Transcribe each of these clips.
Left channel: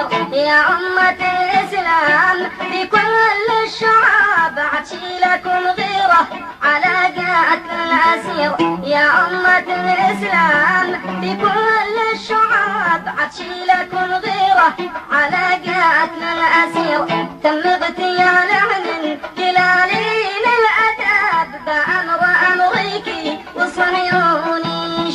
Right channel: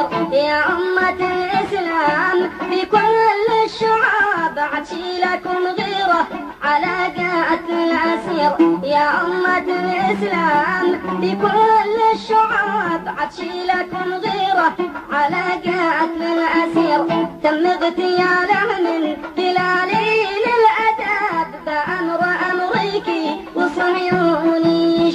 الأسير يا أمة الإسلام في كل الشعاب عطشي لكم غيرة على قتل الأسير يا أمة الإسلام في كل الشعاب عطشي لكم غيرة على قتل الأسير تم اغتيال من كلالين الأدب بأمر أمريكي وصهيوني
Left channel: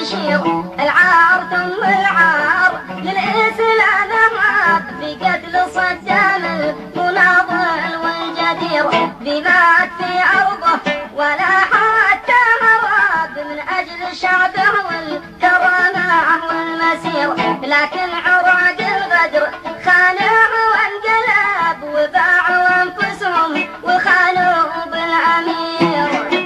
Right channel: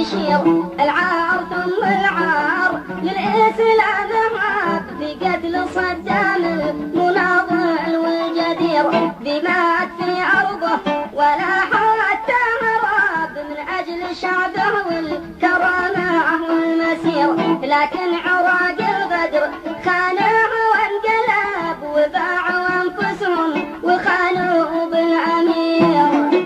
يشير العار ثم العار للإسلام هاب في قتل صدام المناضل والجدير دماء في أرضه ولا حتى هرب من أجل شعبه والكرامة والمسير لكن عراق الغدر خانه وانقلب وباعوا أنفسهم وخانوا بالأمير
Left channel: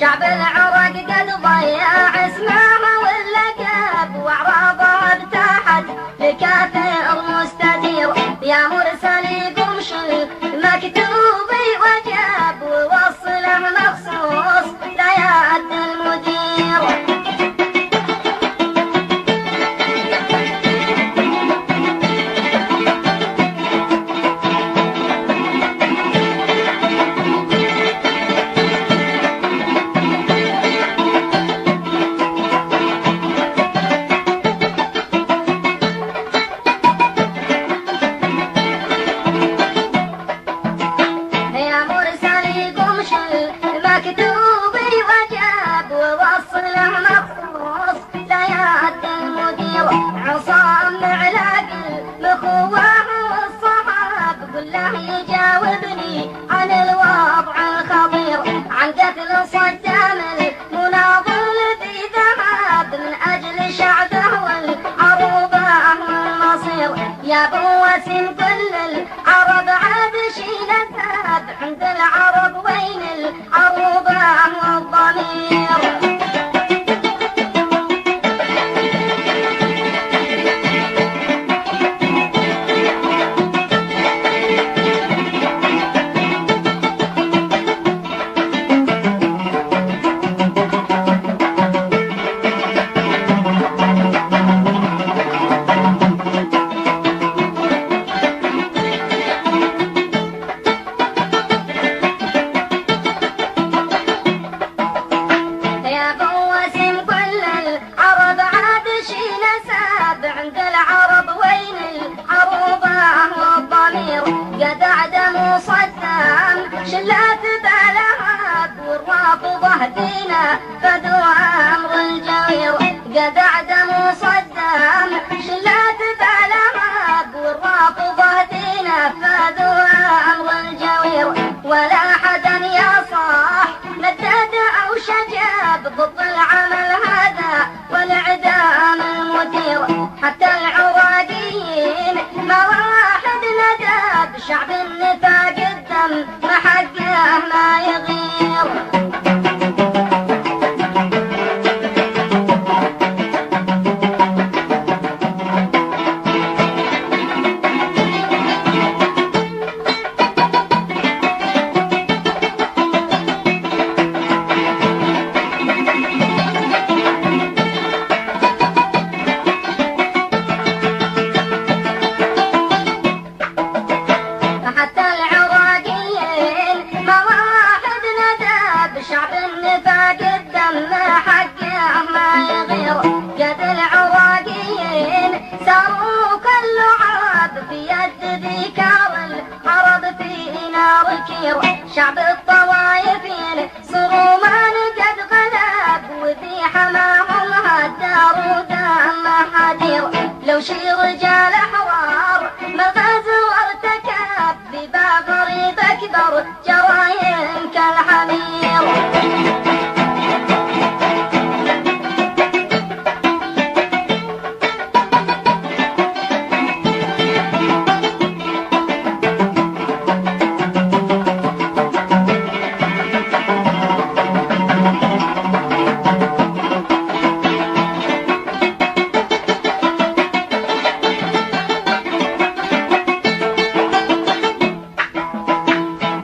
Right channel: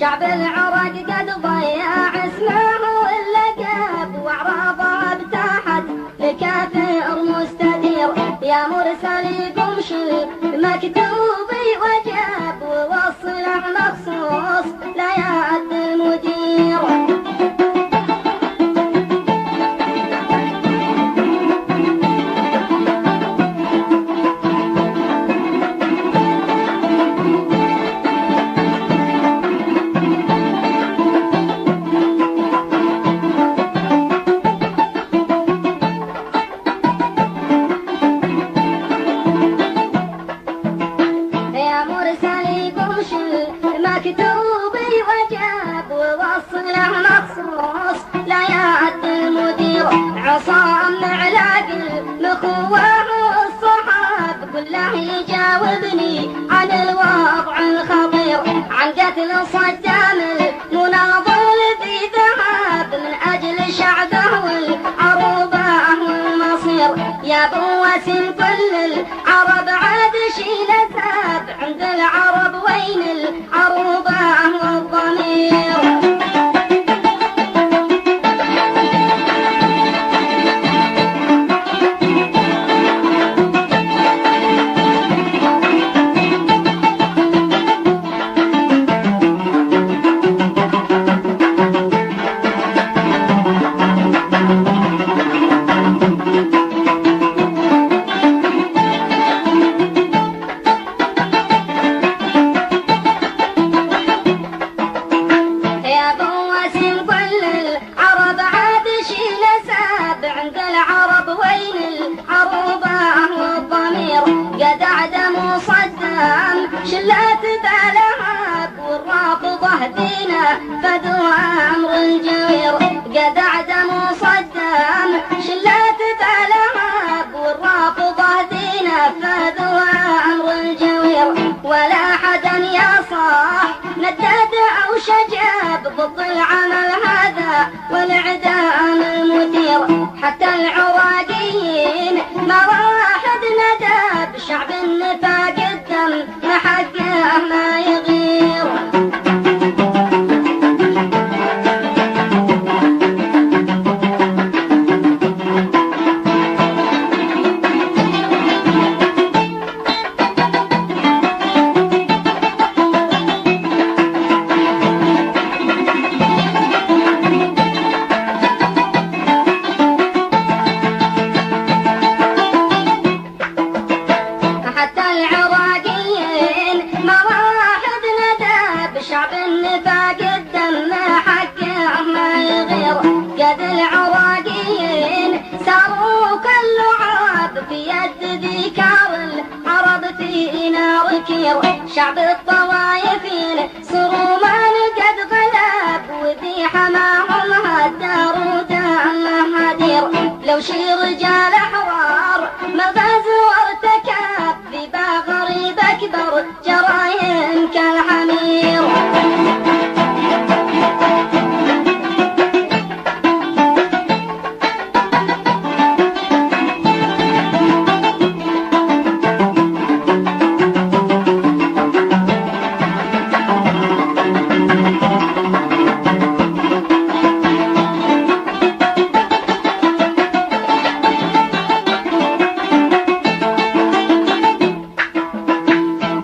شعب العراق قد ضيع اسمه واللقب واعراضه ابتاحت لكافر مستدير يا مرسل قمش المكتوب وجاب ووصله مخصوص لا يعد المدير مكتوبي وجاب ووصله مخصوص لا يعد المدير عصام علاق الأخوة والصحاب كله يجاوبني عن الوضع الخطير عن قتل صدام المناضل في ذهب من أجل شعبه والعروبة والمصير يا بوس كل العرب عاد شيل ذهب عند العرب وين العروبة والضمير قد عدموا صدام شلات بلهاب والرافضه دينا فدوا امر الجوير قد عدموا صدام شلات بلهاب والرافضه دينا فدوا امر الجوير ولا حدا يا صاح ندد او شجاب ضد العمل هذا والاعدام المثير حتى العراقيين ما واحد ندى بشعب النفاق الدم ما حقه ما يغير شعب الطوايفين صرومان قد غلب وذي حماهم هالدار ودمه هدير لو شي رجال حوار ما غزو وارتكب في باغري بكبر جرايم كالحمير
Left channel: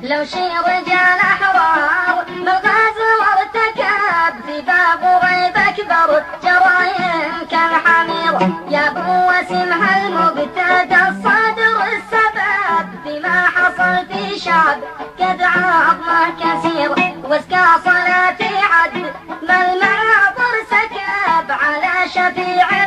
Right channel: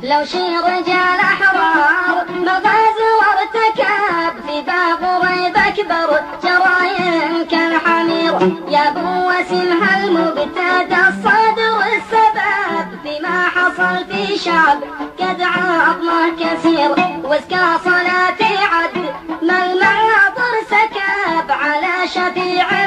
لو شي رجال أحرار مغازي وارتكب في باغري بكبر جرايم كالحمير يا ابو وسيم هالمقتدى الصادر السبب فيما حصل في شعب قد عظمه كثير وازكى صلاتي عد ما المعاطر سكب على شفيع